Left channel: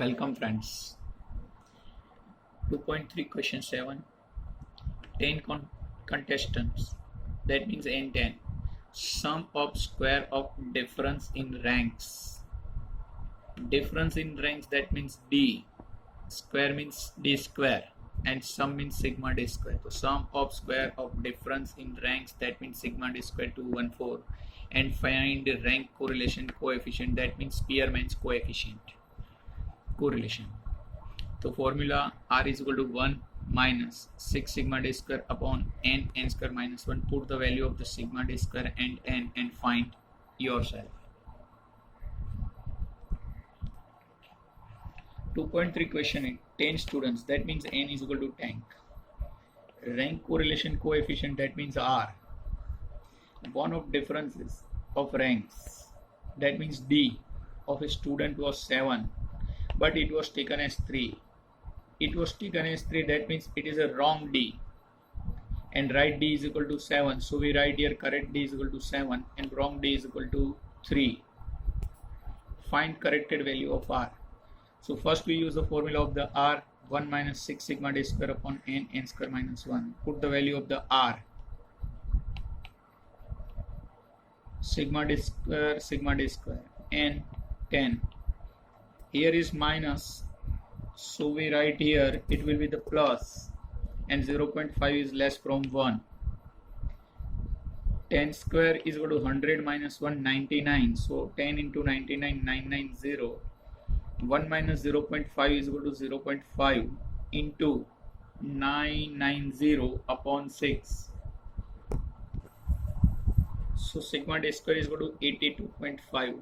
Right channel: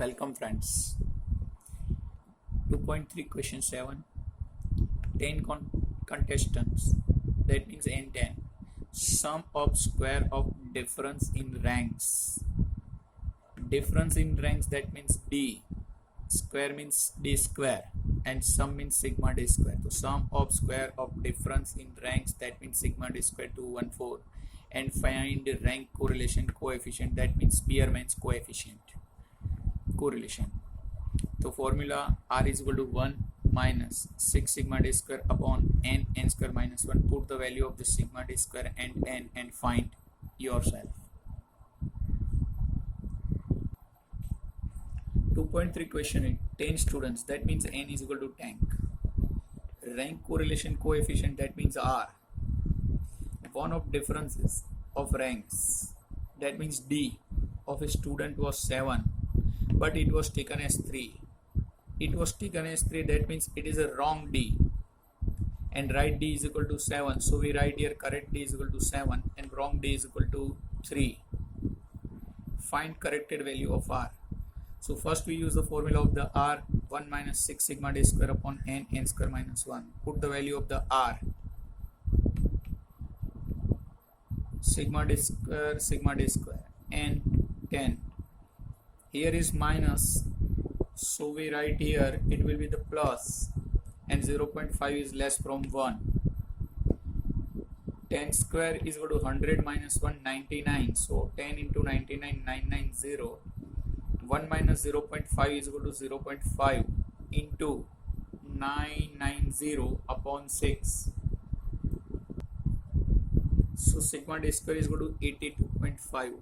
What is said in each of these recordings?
Welcome friends. 2.3 question 7. 10 contestants. That means n10. Sum of square of difference in ranks. Difference in ranks, that means d. Square means d square. And sum means sigma d square. So sum of square of difference in ranks, that means sigma d square 214. And find the rank correlation coefficient, that means Spearman's coefficient. Correlation. तो formula r is equal to 1 minus 6 sigma d square upon n square minus 1. Put the value of the sigma d square and n and find yourself. 2.3 question in 10 students, that means n is equal to 10. Rank correlation coefficient, that means r. One of differences of ranks, that means d of a student was 7, but it was taken as 3. It was taken as 3, that means it is a wrong d. And right d is equal to 7. So we write here correct d is equal to 7 and wrong d is equal to 3. Find corrected value of r. So first we use the formula of the r, 1 minus 6 sigma d square upon n square minus 1. Put the value of the r. Sigma d square, n 10. Here is minus, so we write here it will be the plus, and 0.5 is less from 1. 10 square is equal to 100 minus 1, 99. So 10 into 99, 990. 1 minus 0.5 is equal to 0.5 into 990 upon 6. So sigma d square is equal to 82.5.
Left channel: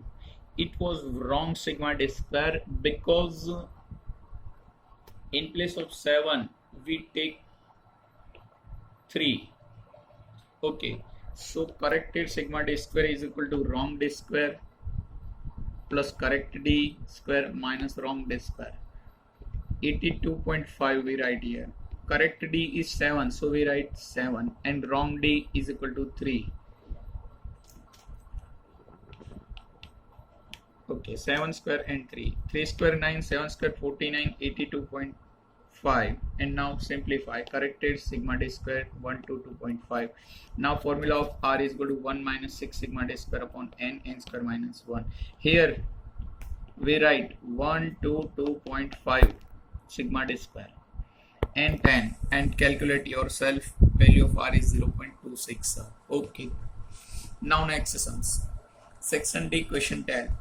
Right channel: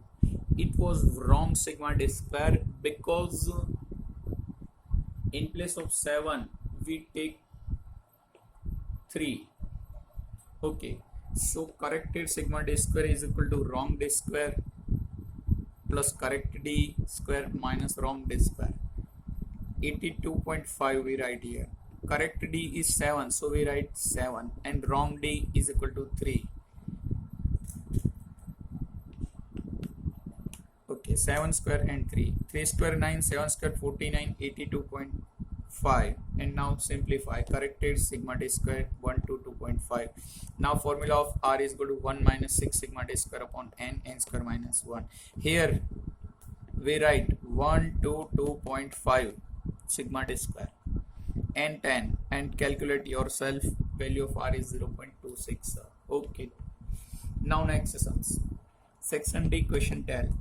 It was wrong sigma d square because in place of 7 we take 3. Okay, so corrected sigma d square is equal to wrong d square plus correct d square minus wrong d square. 82.5 we write here. Correct d is 7, so we write 7, and wrong d is equal to 3. Okay, 7 square and 3. 3 square 9, 7 square 49, 82.5. And now simplify. Corrected sigma d square 1 to 2.5. Now formula of r is equal to 1 minus 6 sigma d square upon n square minus 1. Here we write 1 to 2.5 sigma d square and 10, and calculate yourself. Value of r is 0.26. Okay. Now next sums. Section D, question 10.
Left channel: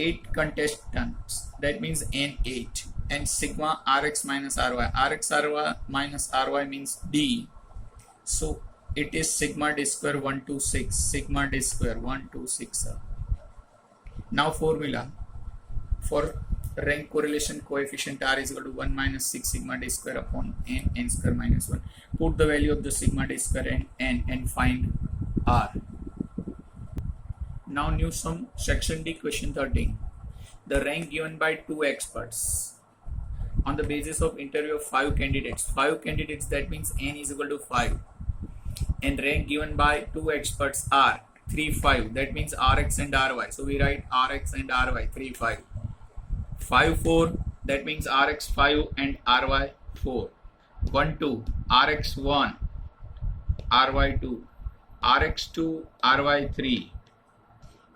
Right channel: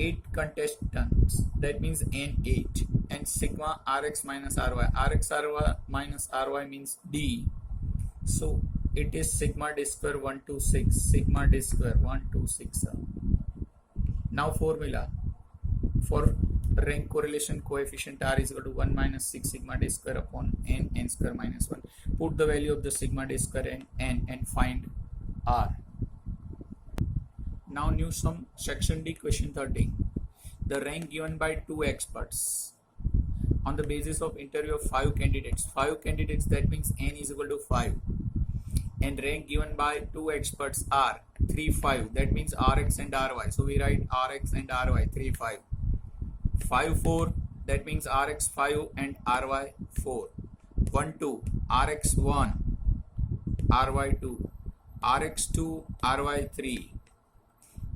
8 contestants, that means n8, and sigma rx minus ry. Rx ry minus ry means d, so it is sigma d square 126. Sigma d square 126. Now formula for rank correlation coefficient r is equal to 1 minus 6 sigma d square upon n square minus 1. Put the value of the sigma d square and n and find r. Now new sum, section D, question 13. The rank given by 2 experts on the basis of interview of 5 candidates. 5 candidates, that means n is equal to 5. And rank given by 2 experts are 3, 5. That means Rx and Ry. So we write Rx and Ry, 3, 5. 5, 4. That means Rx 5 and Ry 4. 1, 2. Rx 1, Ry 2. Rx 2, Ry 3.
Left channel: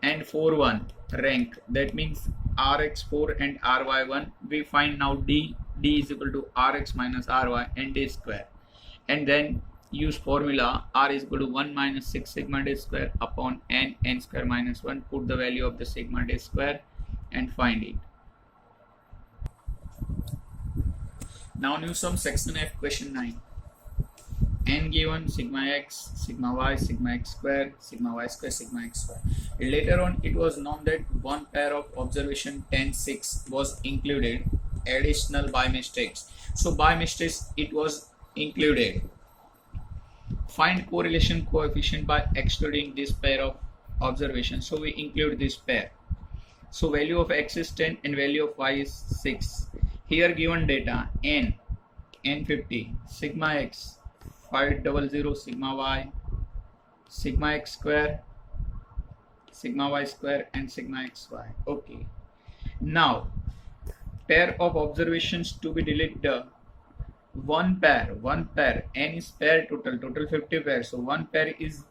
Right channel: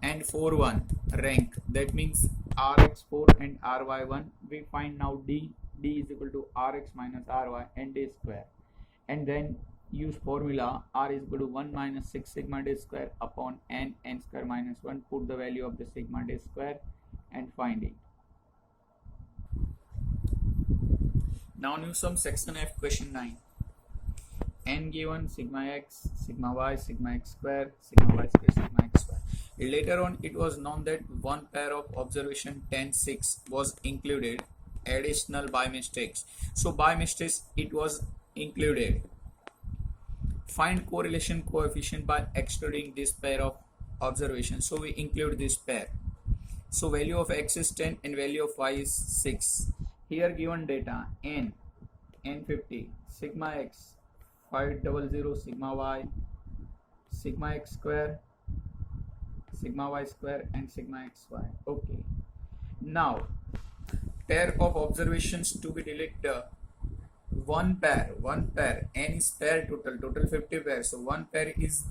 And 4, 1 rank, that means Rx 4 and Ry 1. We find now d is equal to Rx minus Ry and d square, and then use formula r is equal to 1 minus 6 sigma d square upon n square minus 1. Put the value of the sigma d square and find it. Now new sum, section F, question 9. N given, sigma x, sigma y, sigma x square, sigma y square, sigma x square. Later on it was known that one pair of observation 10-6 was included additional by mistakes. So by mistakes it was included. Find correlation coefficient by excluding this pair of observations. So we include this pair. So value of x is 10 and value of y is 6. Here given data n 50, sigma x 500, sigma y, sigma x square, sigma y square, and sigma xy. Okay. Now pair of observations to be deleted. One pair, n is pair total 50 pairs, so one pair is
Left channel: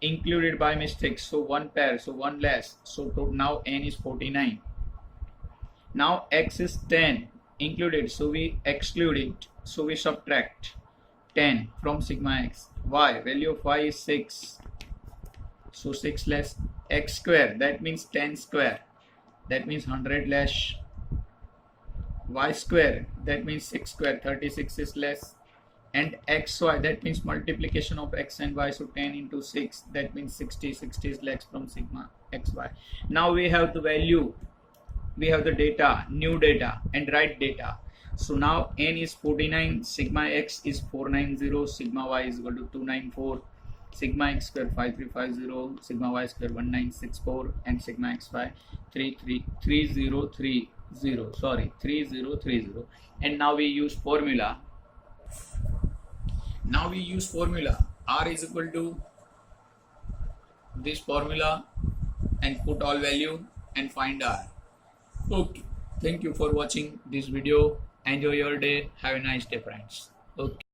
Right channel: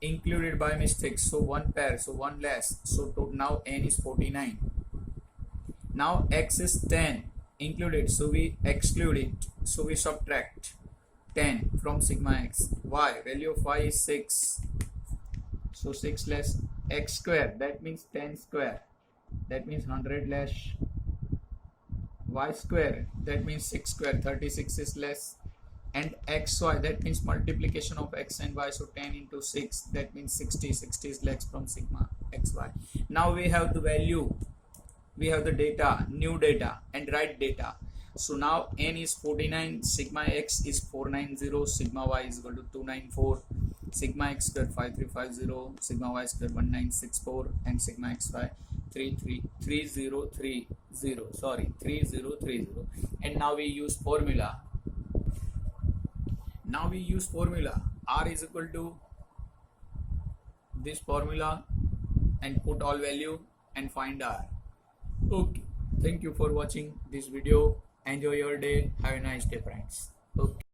included by mistake, so one pair, so one less, so now n is 49. Now x is 10 included, so we exclude it, so we subtract 10 from sigma x. Y, value of y is 6, so 6 less x square, that means 10 square, that means 100 less y square, that means 6 square, 36 is less, and xy, that means multiplication of x and y, so 10 into 6, that means 60 is less from sigma xy. Now we have the value, we have the data, new data and right data. So now n is 49, sigma x is 490, sigma y is equal to 294, sigma x square 5350, sigma y square 1964, and sigma xy 3030, and now we use formula. R is equal to this formula and put all value and find R. Okay, thank you for watching this video. Enjoy your day. Have a nice day, friends. Okay.